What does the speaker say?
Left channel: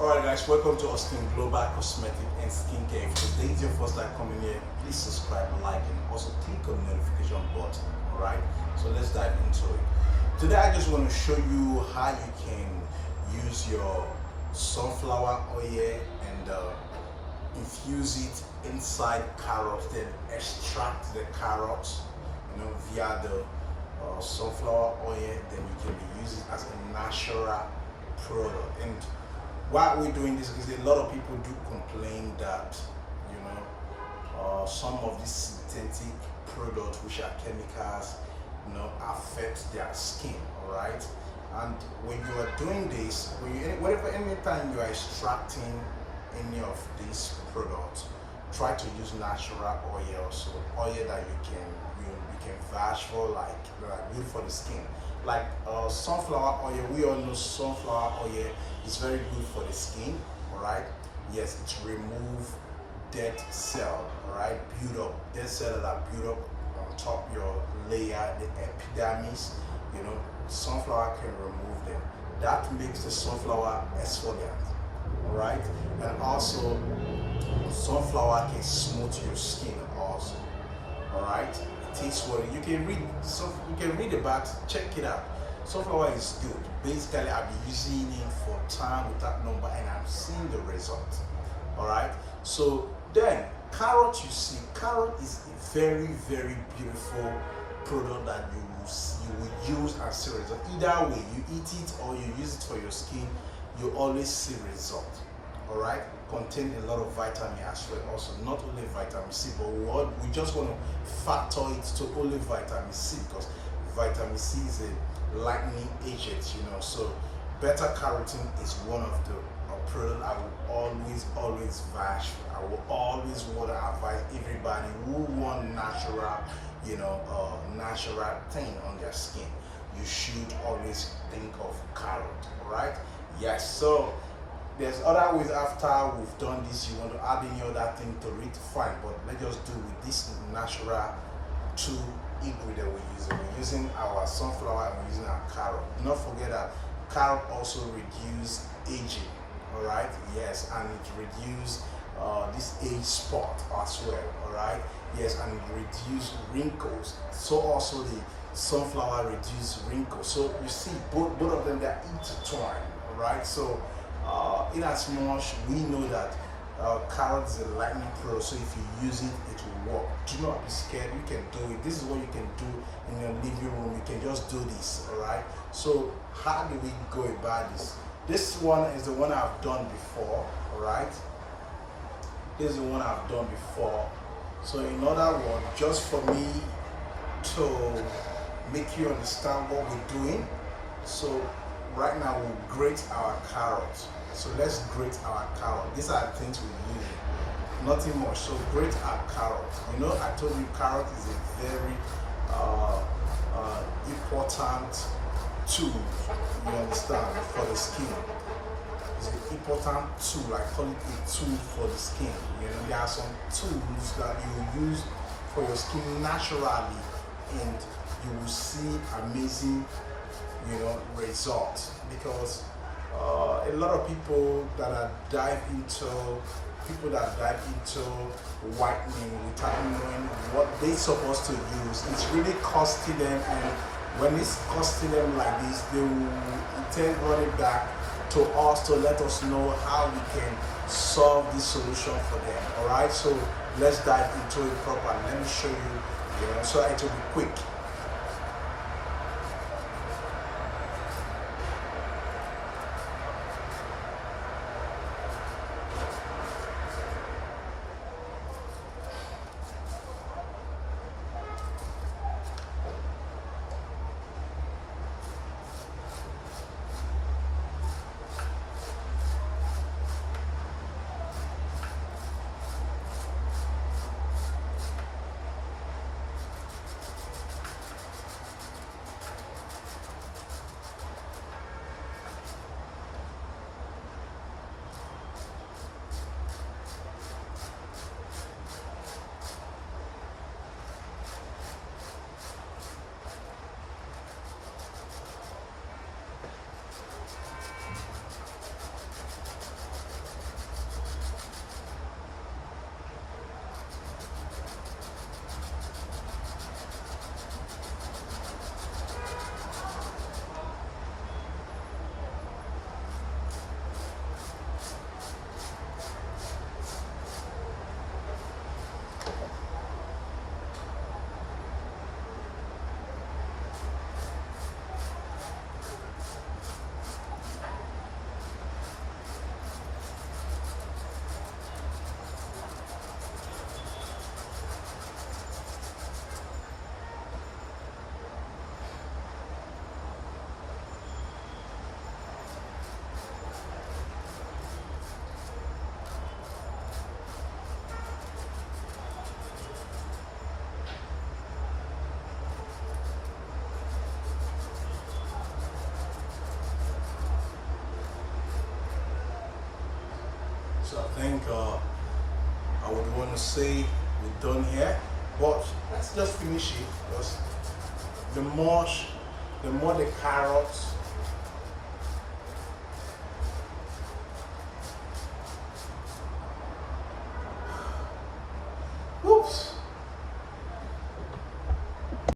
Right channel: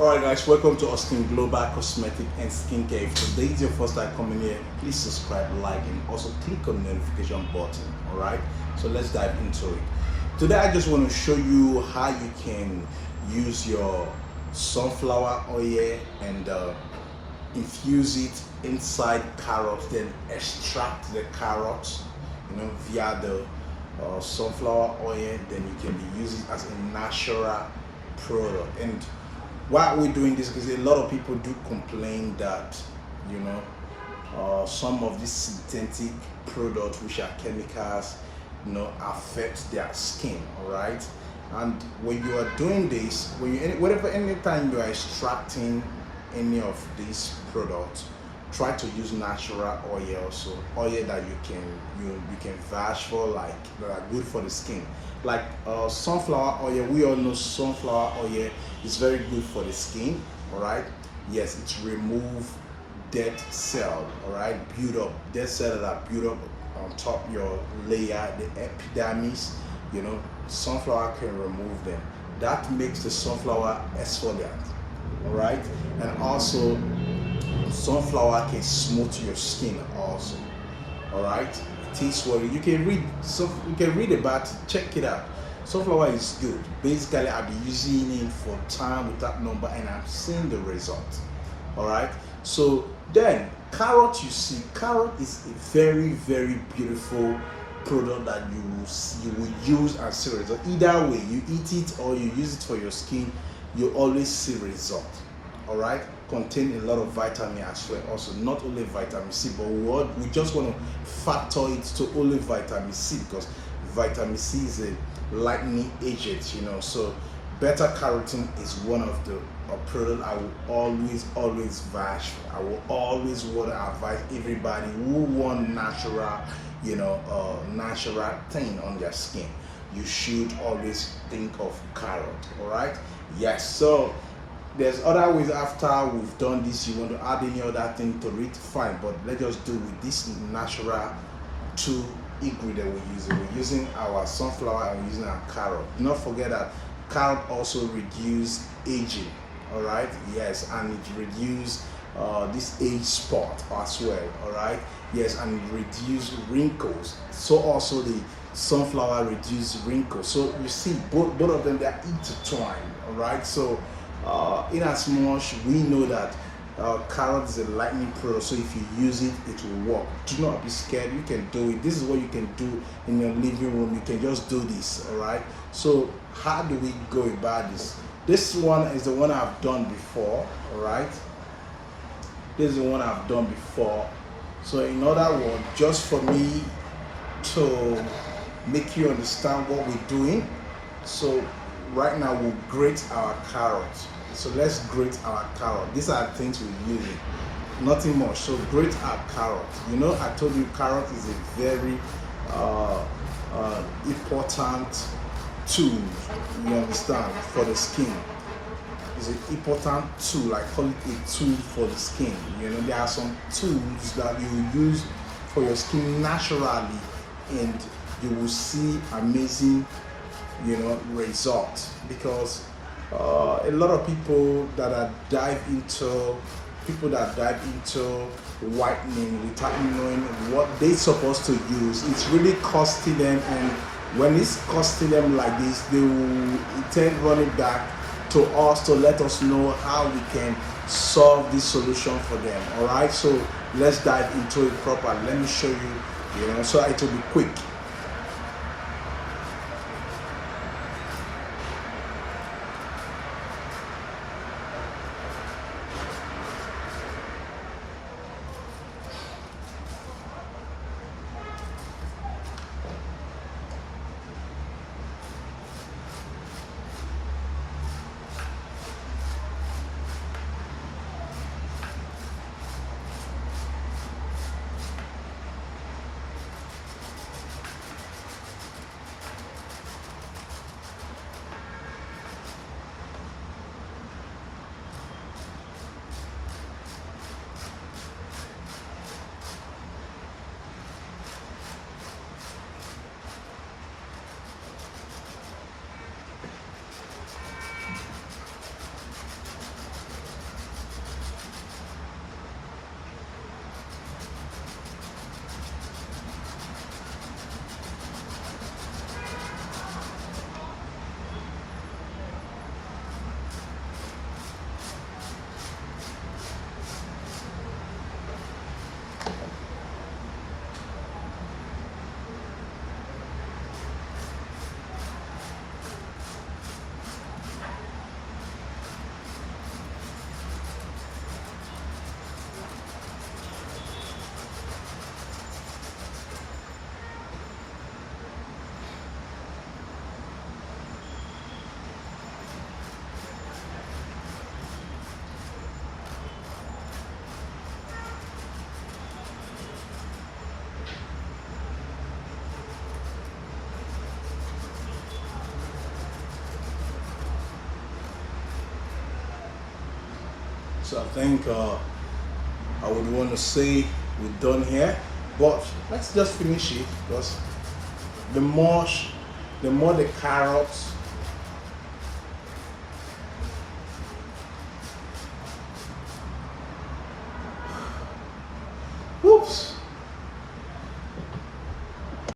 Alright guys, welcome to Austin Global Cosmetic and Skincare. If today is your first time coming here, please subscribe, like, and also click on the notification button. Alright, so let's dive into it. Today I just want to show you how you can use your sunflower oil and infuse it inside carrots, then extract the carrots, via the sunflower oil. Then you can use it as a natural product. And why are we doing this? Because a lot of people do complain that some of these synthetic products, which are chemicals, affect their skin. All right, and when you are doing this, anytime you are extracting any of these products, try to use natural oil. So oil that you can vouch for, like that are good for the skin, like sunflower oil. We all know sunflower oil is very good for the skin. All right, yes, it remove dead cell. All right, build up dead cell that are built up on top your layer, the epidermis. Sunflower can remove them. That makes the sunflower exfoliant. All right, and also sunflower can smooth your skin also. All right, it is what you can read. So you can read about it, check it out. Sunflower is good. Basically, I've been using it for time without number, and I'm seeing the result. All right, so then carrot, you see, carrot is a very beautiful product that you will use and see result. Either way, you eat it or you use it for your skin, you always see result. All right, contain a lot of vitamin as well. Also, not only vitamin C, but what we just want to factor it to only vitamin C, because vitamin C is a lightening agent. So beta carotene is one of the product I will always vouch for. I will always want to advise everybody who want natural, natural thing on their skin. You should always think of carrot. All right, yes. So there's other ways. After we've done this, you want to add any other thing to it, fine, but let's just do with this natural two ingredient we're using our sunflower and we're using our carrot. Do not forget that carrot also reduce aging. All right, yes, and it reduce this age spot as well. All right, yes, and it reduce wrinkles. So also the sunflower reduce wrinkles. So you see, both of them, they are intertwined. All right, so in as much we know that carrot is a lightning product, so if you use it, it will work. Do not be scared. You can do it. This is what you can do in your living room. You can just do this. All right, so how do we go about this? This one is the one I've done before. All right, this is the one I've done before. So in other words, just for me to make you understand what we're doing, so right now we'll grate our carrots. So let's grate our carrot. These are the things we're using, nothing much. So grate our carrot. I told you carrot is a very important tool, you understand, for the skin. It's an important tool. I call it a tool for the skin. There are some tools that you use for your skin naturally, and you will see amazing results. Because a lot of people that dive into whitening without knowing what they're supposed to use, it's really costing them. And when it's costing them like this, they will intend running back to us to let us know how we can solve this solution for them. All right, so let's dive into it properly. Let me show you, so it will be quick. So I think I would want to say we're done here, but let's just finish it, because the more the carrots